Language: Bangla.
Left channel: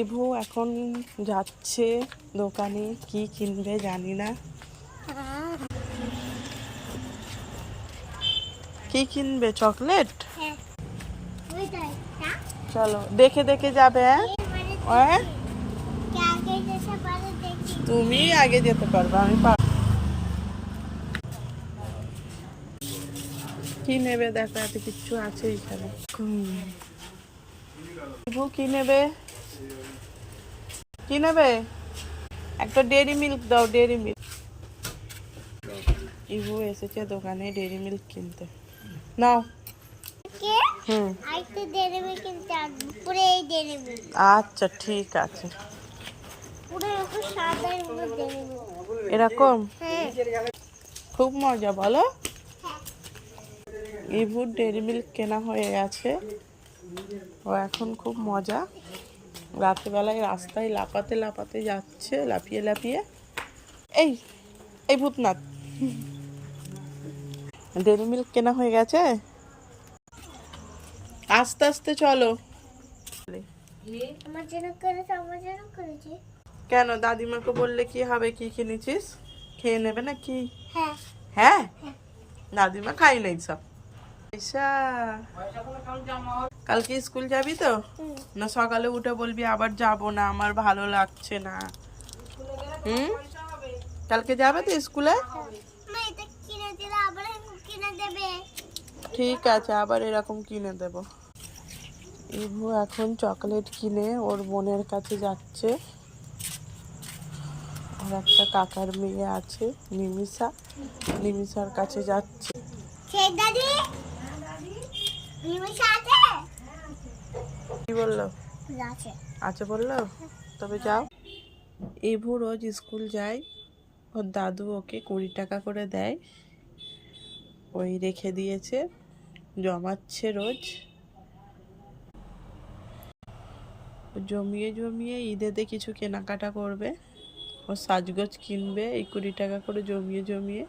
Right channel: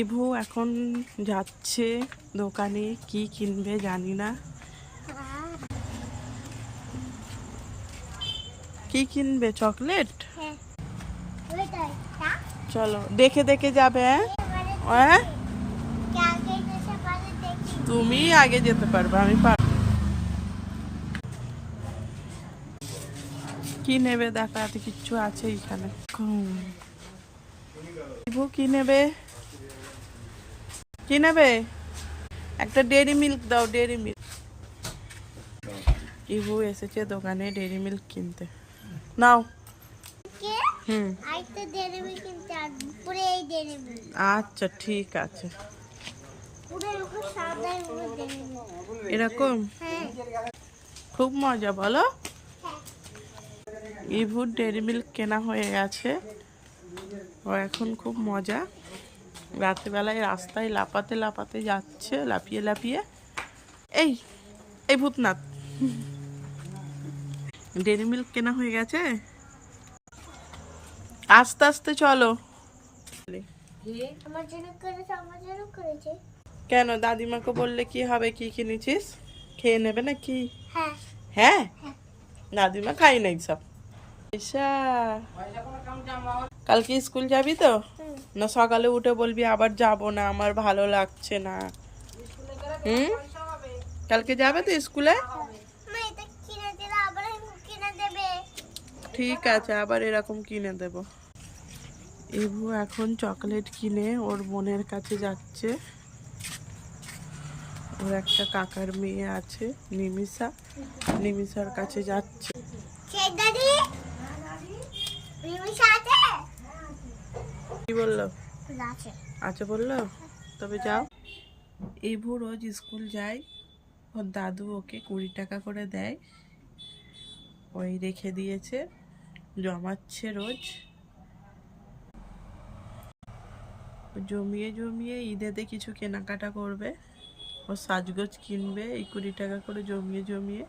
ইভু এখন যাচ্ছে দোকানে, কি কিনবে জানি না। কি কিনবে? চকলেট? চলো দেখে দেখে যাবে। হ্যাঁ তুমি আগে যেতে পারবে, আমি কি নেবে দেখো, এত কিচ্ছু আছে এখানে। ইভু কি নেবে? কি নেবে? একটা ডেইরি মিল্ক দাও, ডেইরি মিল্ক। ইভু এসেছে দোকানে ডেইরি মিল্ক কিনতে। নাও। আচ্ছা ঠিক আছে। এরকম খুব মজা, বলো। ইভুর ডেইরি মিল্ক কেনা হয়ে গেছে, ও এখন খুব মজা। রাত্রেবেলায় রাস্তায় লাপাতে লাপাতে যাচ্ছে, লাফিয়ে লাফিয়ে। এই এই ভূতনাথ, ডেইরি মিল্ক কেনা হয়ে গেছে, আস্তে আস্তে চলো। আমার জন্য করেছে, আমার জন্য করেছে। কেন, দাদিমাকে বললে কি হবে? কি কিনেছিস? খেয়ে নেবে না কি? হ্যাঁ হ্যাঁ, দাদিমা খাই নাই সব। ঈশা, কালকে স্কুল যাবি তো? না সকালে উঠে বলবি আবার যাব না, আমার ভালো লাগছে না? হুম, কালকে যাবে তো স্কুলে? ঠিক আছে, আবার এরকম কিনে দেব। ইভু এখন চকলেট কিনে ওর বোনের কাছে যাচ্ছে। ওর একটা কাকার মেয়ে আছে নিমিষা, নিমিষার কাছে যাচ্ছে। কি বললো? আছে বললো, তবে যাও। ইভু রোজ স্কুল যায়, ওর দাদু ওকে 20 টাকা করে দেয়, ওই রেখে দিয়েছে, জমাচ্ছে রোজ। জমিয়ে জমিয়ে ঈদেতে কিছু কেনাকাটা করবে, ও সাজগোজ কিনবে, এই 20 টাকা করে জমিয়ে জমিয়ে।